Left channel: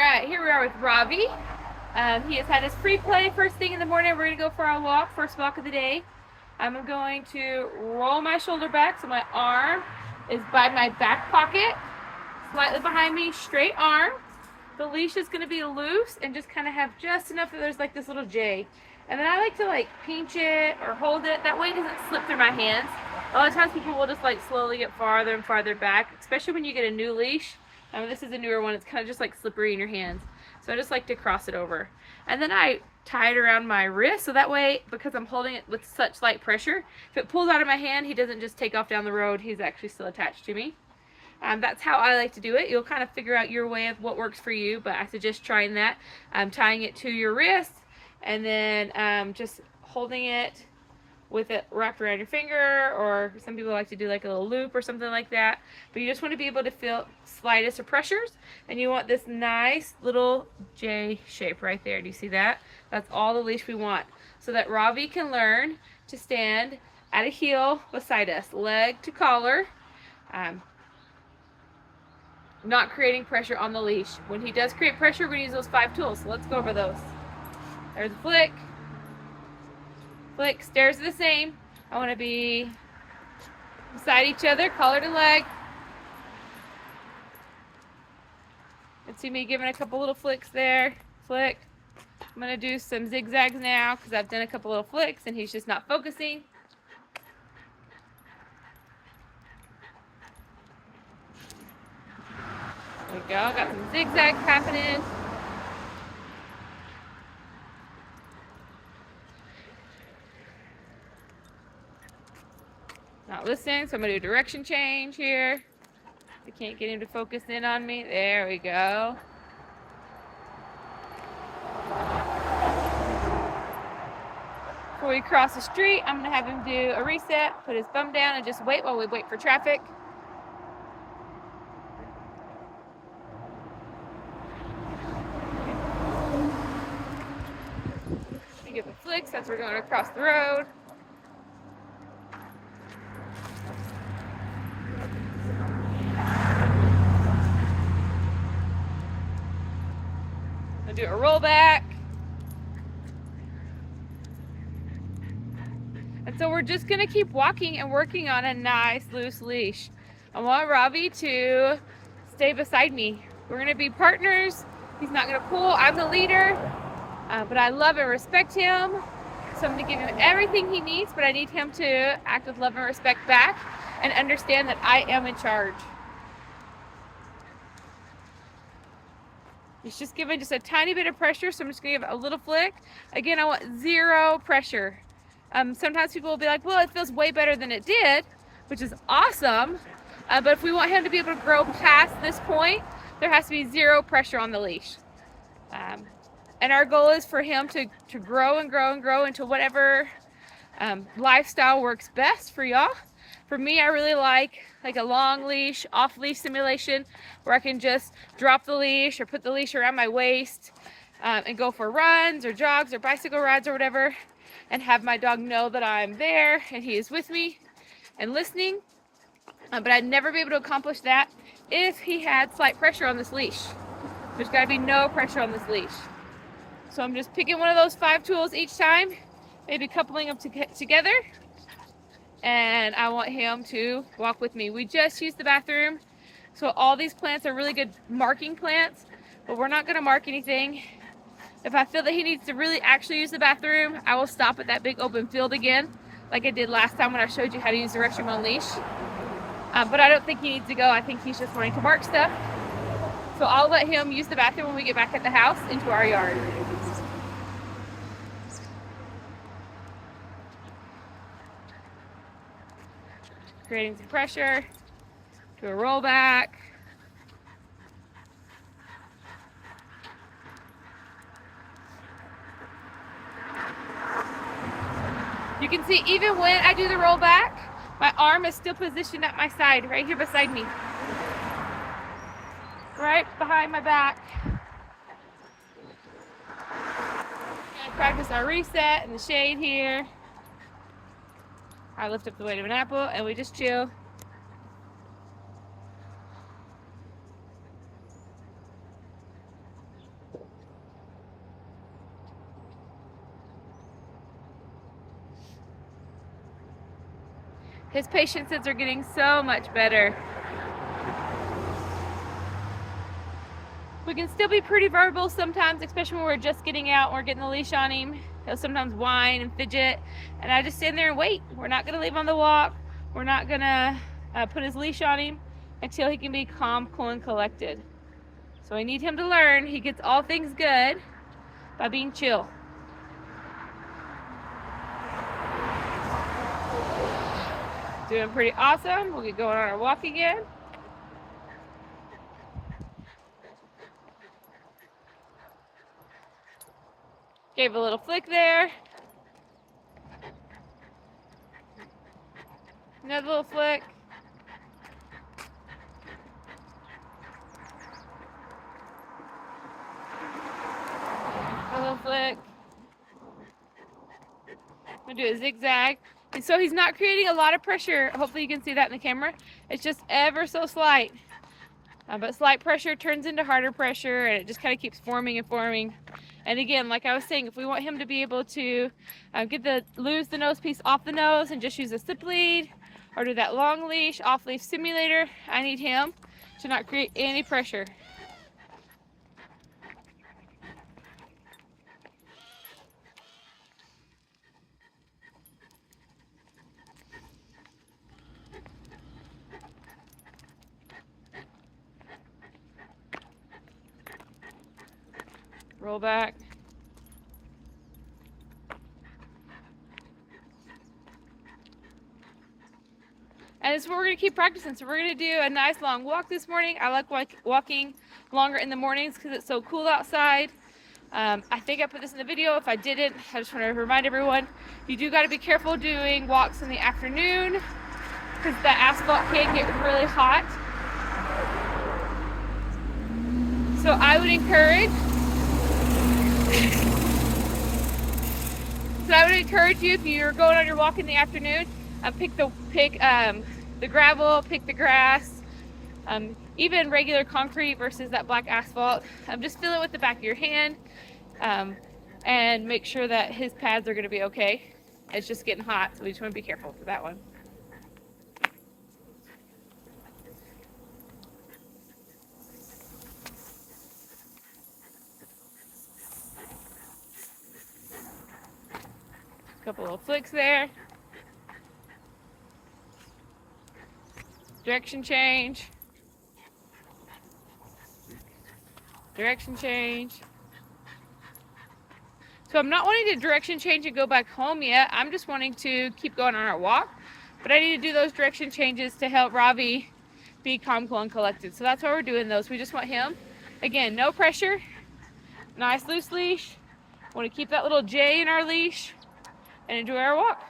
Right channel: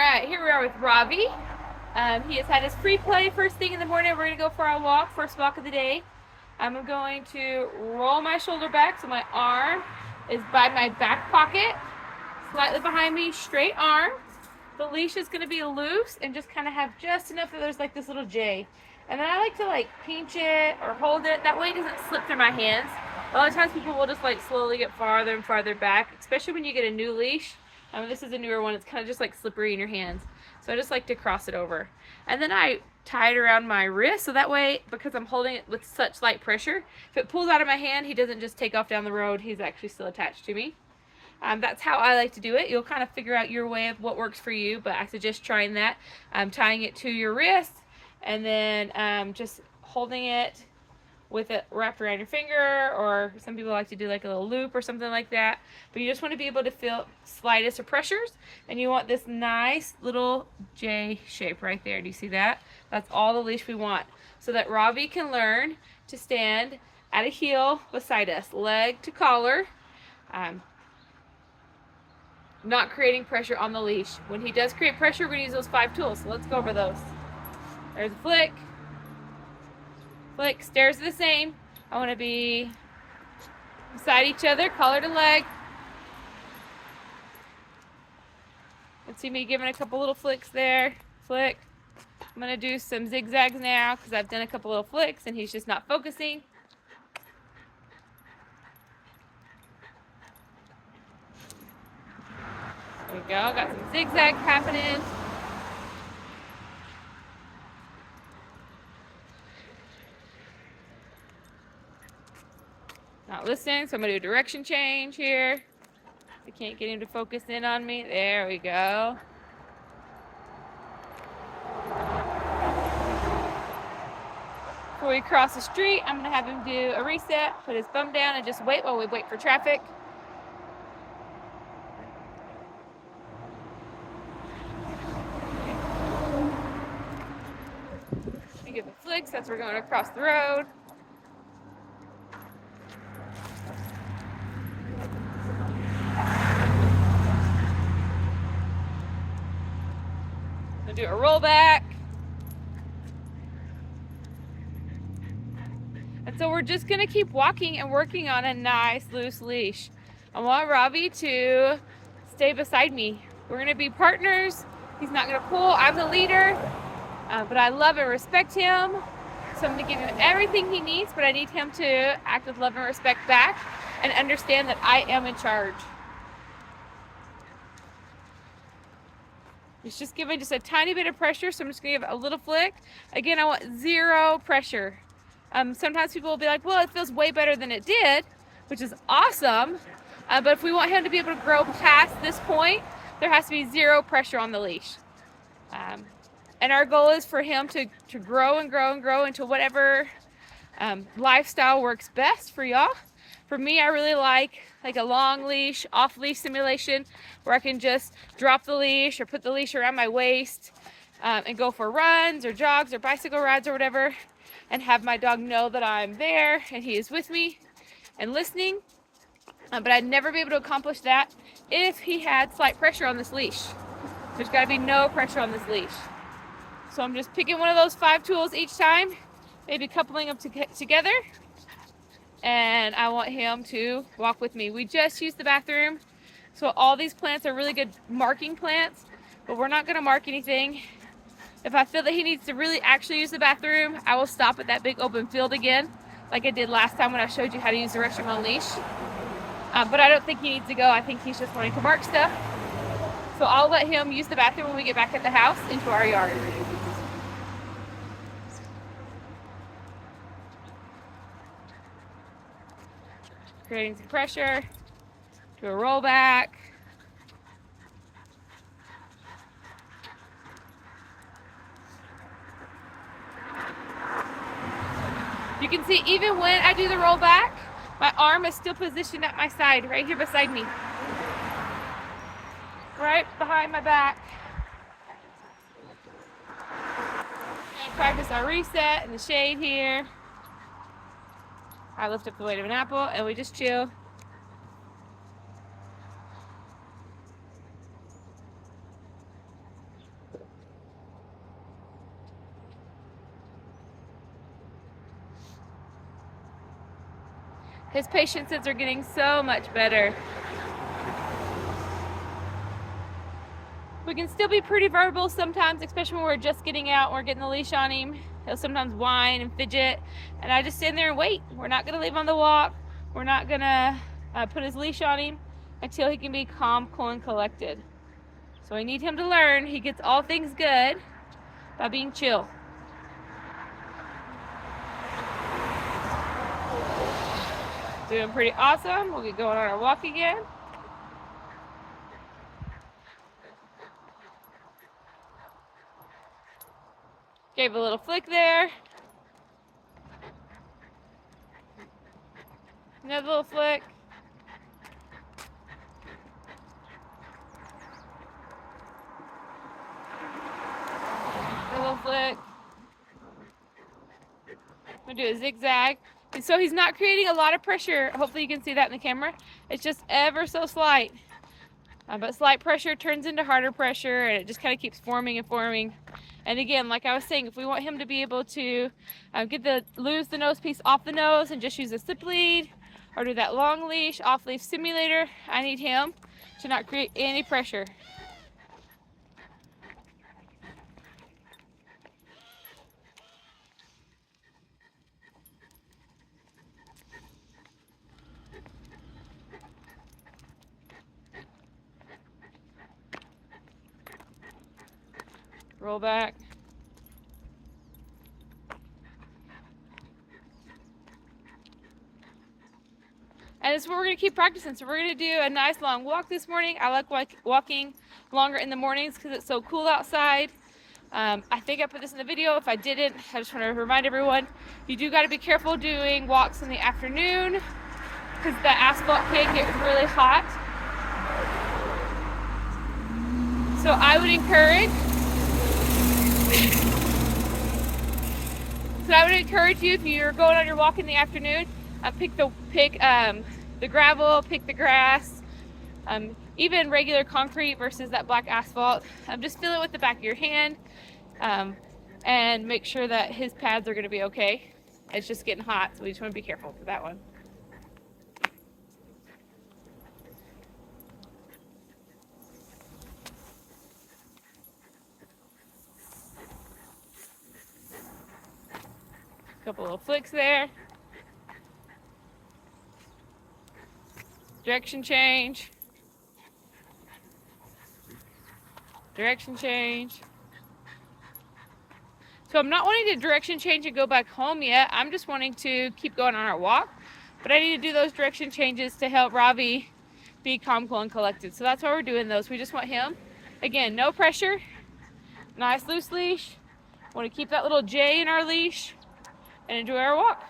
Alright, here we are with Ravi. He has had his free play first thing in the morning. We're going to go for our walk, first walk of the day. I'm going to roll my shoulder back so my arm is by my back pocket, slightly behind me, straight arm. The leash is going to be loose and just kind of have just enough that there's like this little J. And then I like to like pinch it or hold it. That way it doesn't slip through my hands. A lot of times people will just like slowly get farther and farther back, especially when you get a new leash. This is a newer one. It's kind of just like slippery in your hands. So I just like to cross it over. And then I tie it around my wrist so that way, because I'm holding it with such light pressure, if it pulls out of my hand, he doesn't just take off down the road. He's actually still attached to me. That's how I like to do it. You'll kind of figure out your way of what works for you, but I suggest trying that. Tying it to your wrist and then just holding it with it wrapped around your finger, or some people like to do like a little loop or something like that. But you just want to be able to feel slightest of pressures, and you want this nice little J shape right there. Do you see that? That's all the leash we want, so that Ravi can learn to stand at a heel beside us, leg to collar, not creating pressure on the leash. When he does create pressure, we're going to use those 5 tools. So let's go over those. There's a flick. Flick, stairs are the same. I want to be beside each other, collar to leg. Let's see me giving a couple little flicks there. Flick. I'm going to do some zigzags now because I've done a couple little flicks and he's just not focusing. There we go. Got some zigzags happening. Not listening, so I'm going to do a direction change here. I can't get him to focus in on me. There we go. Before we cross the street, I'm going to have him do a reset, put his bum down, and just wait while we wait for traffic. Give him flicks as we're going across the road. I'll do a roll back. And so we're just going to keep walking and working on a nice loose leash. I want Ravi to stay beside me. We're going to be partners. He's not going to pull. I'm the leader. But I love and respect him. So I'm going to give him everything he needs, but I need him to act with love and respect back and understand that I am in charge. He's just giving just a tiny bit of pressure, so I'm just going to give it a little flick. Again, I want 0 pressure. Sometimes people will be like, well, it feels way better than it did, which is awesome. But if we want him to be able to grow past this point, there has to be 0 pressure on the leash. And our goal is for him to grow and grow and grow into whatever lifestyle works best for y'all. For me, I really like a long leash, off leash simulation, where I can just drop the leash or put the leash around my waist and go for runs or jogs or bicycle rides or whatever, and have my dog know that I'm there and he is with me and listening. But I'd never be able to accomplish that if he had slight pressure on this leash. There's got to be no pressure on this leash. So I'm just picking one of those 5 tools each time, maybe coupling them together, and I want him to walk with me. We just used the bathroom, so all these plants are really good marking plants, but we're not going to mark anything. If I feel that he needs to really actually use the bathroom, I will stop at that big open field again, like I did last time when I showed you how to use the restroom on leash. But I don't think he needs to go. I think he's just wanting to mark stuff. So I'll let him use the bathroom when we get back at the house into our yard. Creating some pressure. Do a roll back. You can see even when I do the roll back, my arm is still positioned at my side, right here beside me. Right behind my back. And practice our reset and the shade here. I lift up the weight of an apple and we just chill. His patiences are getting so much better. We can still be pretty verbal sometimes, especially when we're just getting out and we're getting the leash on him. He'll sometimes whine and fidget, and I just stand there and wait. We're not going to leave him on the walk. We're not going to put his leash on him until he can be calm, cool, and collected. So I need him to learn he gets all things good by being chill. Doing pretty awesome. We'll get going on our walk again. Gave a little flick there. Another little flick. Another little flick. I'm gonna do a zigzag. And so he's not creating a lot of pressure. Hopefully you can see that in the camera. It's just ever so slight. But slight pressure turns into harder pressure, and it just kind of keeps forming and forming. And again, like I was saying, if we want him to be able to lose the nose piece off the nose and just use a slip lead, or do that long leash off leash simulator, I need him to not create any pressure. Roll back. And this is what we're going to keep practicing. So we're going to do a nice long walk this morning. I like walking longer in the mornings because it's so cool outside. I think I put this in the video. If I didn't, I just want to remind everyone, you do got to be careful doing walks in the afternoon because the asphalt can get really hot. So I would encourage you, if you're going on your walk in the afternoon, pick the gravel, pick the grass, even regular concrete versus that black asphalt. Just feel it with the back of your hand, and make sure that his pads are going to be okay. It's just getting hot, so we just want to be careful for that one. Couple little flicks there. Direction change. Direction change. So I'm not wanting to direction change and go back home yet. I'm just wanting to keep going on our walk. But I need to do those direction changes to help Ravi be calm, cool, and collected. So that's why we're doing those. We just want him, again, no pressure. Nice loose leash. Want to keep that little J in our leash and enjoy our walk.